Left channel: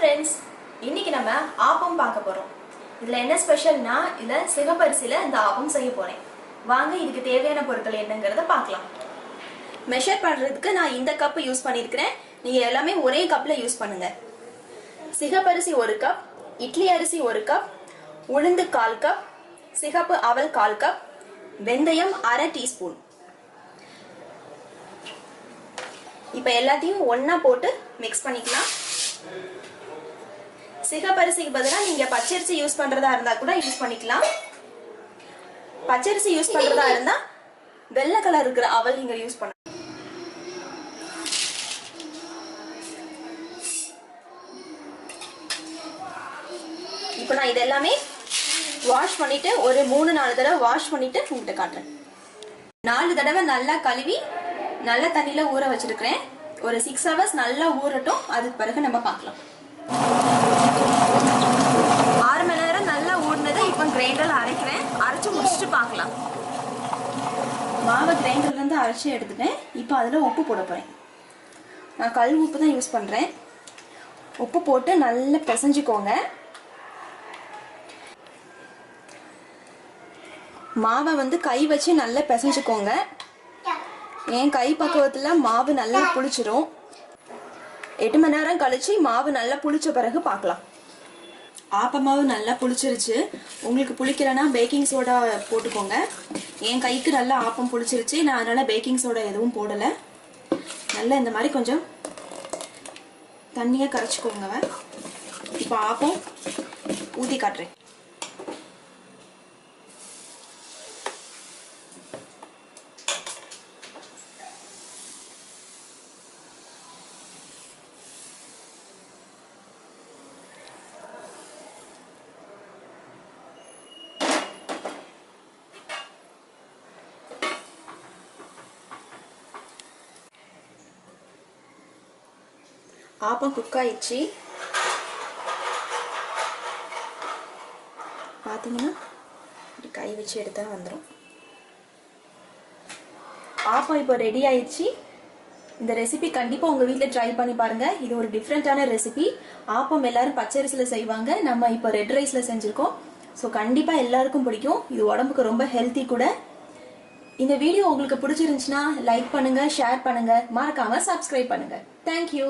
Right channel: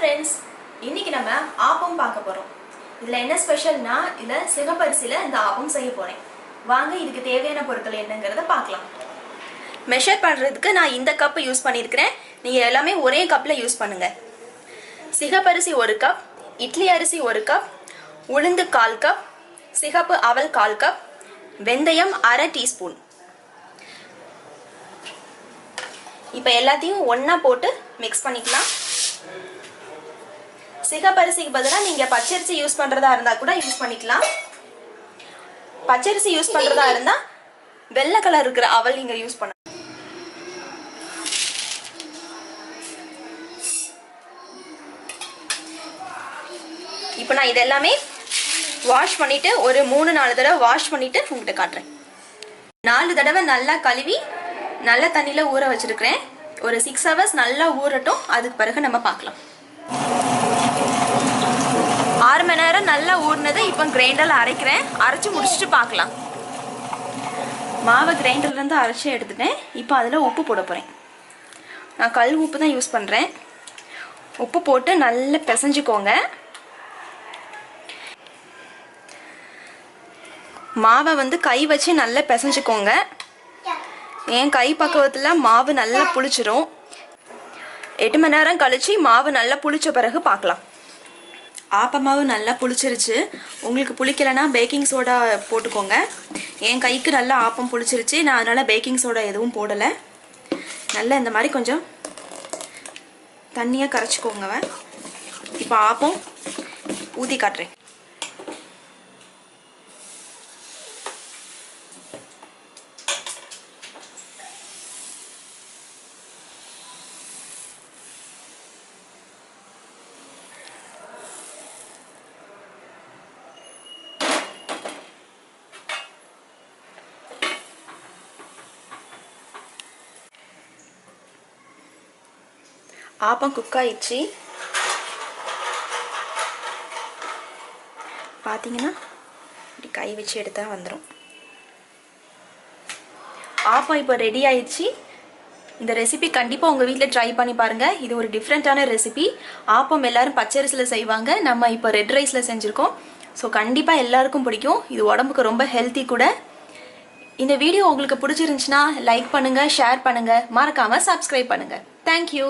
friends, இன்னைக்கு நம்ம ஆப்பம் பார்க்க போறோம். இதுல என்ன ஸ்பெஷல்னா இதுல சிகப்பரிசில இந்த ஆப்பம் செய்ய போறேன். வாங்க இதுக்கு தேவையான பொருட்கள் என்னங்கறத பார்க்கலாம். மெஷர் பண்றதுக்கு நான் இந்த கப் யூஸ் பண்ணியிருக்கேன். நீங்க எல்லாமே ஒரே கப்ல யூஸ் பண்ணுங்க. சிகப்பரிசி 1 கப், இட்லி அரிசி 1 கப், உளுந்து 1/4 கப், சிகப்பு அவல் 1/4 கப், வெந்தயம் 1/2 டீஸ்பூன். இப்போ எல்லாத்தையும் ஒண்ணா போட்டு மிக்ஸ் பண்ணிக்கலாம். சிகப்பரிசிக்கு பதிலா நீங்க பச்சரிசி யூஸ் பண்றதா இருந்தா கூட யூஸ் பண்ணிக்கலாம். பச்சரிசி யூஸ் பண்றதா இருந்தா வெள்ளை கலர் இருக்கிற அவல் நீங்க யூஸ் பண்ணலாம். இப்போ நான் இதெல்லாமே வாஷ் பண்ணிட்டு ஒரு 3-4 தடவை வாஷ் பண்ணிட்டு உங்ககிட்ட காட்டுறேன். 4 தடவை நல்லா கழுவி நல்ல தண்ணியில ஊற வச்சிருக்கிறேன். ஒரு 6 hours நல்லா ஊறட்டும். அதுக்கு பிறகு நம்ம பார்க்கலாம். 6 மணி நேரம் நல்லா ஊறினதை இப்போ கிரைண்டர்ல அரைக்கிறேன். அரைச்சு முடிச்சுட்டு பார்க்கலாம். மாவை கிரைண்டர்ல இருந்து அரைச்சி எடுத்துட்டேன். இப்போ அதில் உப்பு போட போறேன். நான் கல் உப்பு தான் யூஸ் பண்றேன். உப்பு போட்டு நல்லா பிசைஞ்சுக்கோங்க. மாவை கை வச்சு நல்லா பிசைஞ்சுக்கோங்க. என் கை பக்குவத்தில் மாவு நல்லா புளிச்சிரும். 8 மணி நேரம் கழிச்சு மாவு நல்லா புளிச்ச பிறகு பார்க்கலாம். ஆப்ப மாவு நல்லா புளிச்சிருச்சு. உங்களுக்கு புளிக்கலைன்னா பேக்கிங் சோடா போட்டுக்கோங்க. என் கைக்கு நல்லா ஆப்பம் புளிச்சிருச்சு. நான் அதனால பேக்கிங் சோடா எதுவும் போடலை. நல்லா இந்த மாதிரி கொஞ்சம் தண்ணியாக கரைச்சிக்கோங்க. இப்போ ஆப்பம் ஊற்றி காட்டுறேன். ஆப்பம் குக் ஆயிடுச்சு. பார்த்தீங்கன்னா இப்படி கை வச்சு எடுத்தா வந்துடும். ஆப்பம் இப்போ ரெடி ஆயிடுச்சு. இந்த ரெசிபி கண்டிப்பாக உங்கள் வீட்டில் ட்ரை பண்ணி பாருங்கள். இது ஒரு டிஃப்ரெண்ட்டான ரெசிபி. ஆப்பம் எல்லாரும் பச்சரிசியில் செய்வாங்க. நம்ம இப்போ ரெட் ரைஸில் செஞ்சுருக்கோம். ஸோ கண்டிப்பாக எல்லாருக்கும் பிடிக்கும். இது உடம்புக்கு ரொம்ப ஹெல்த்தி கூட. இந்த வீடியோ உங்களுக்கு பிடிச்சிருந்துச்சுன்னா லைக் பண்ணுங்கள், ஷேர் பண்ணுங்கள், மறக்காமல் சப்ஸ்கிரைப் பண்ணுங்கள். தேங்க்யூ.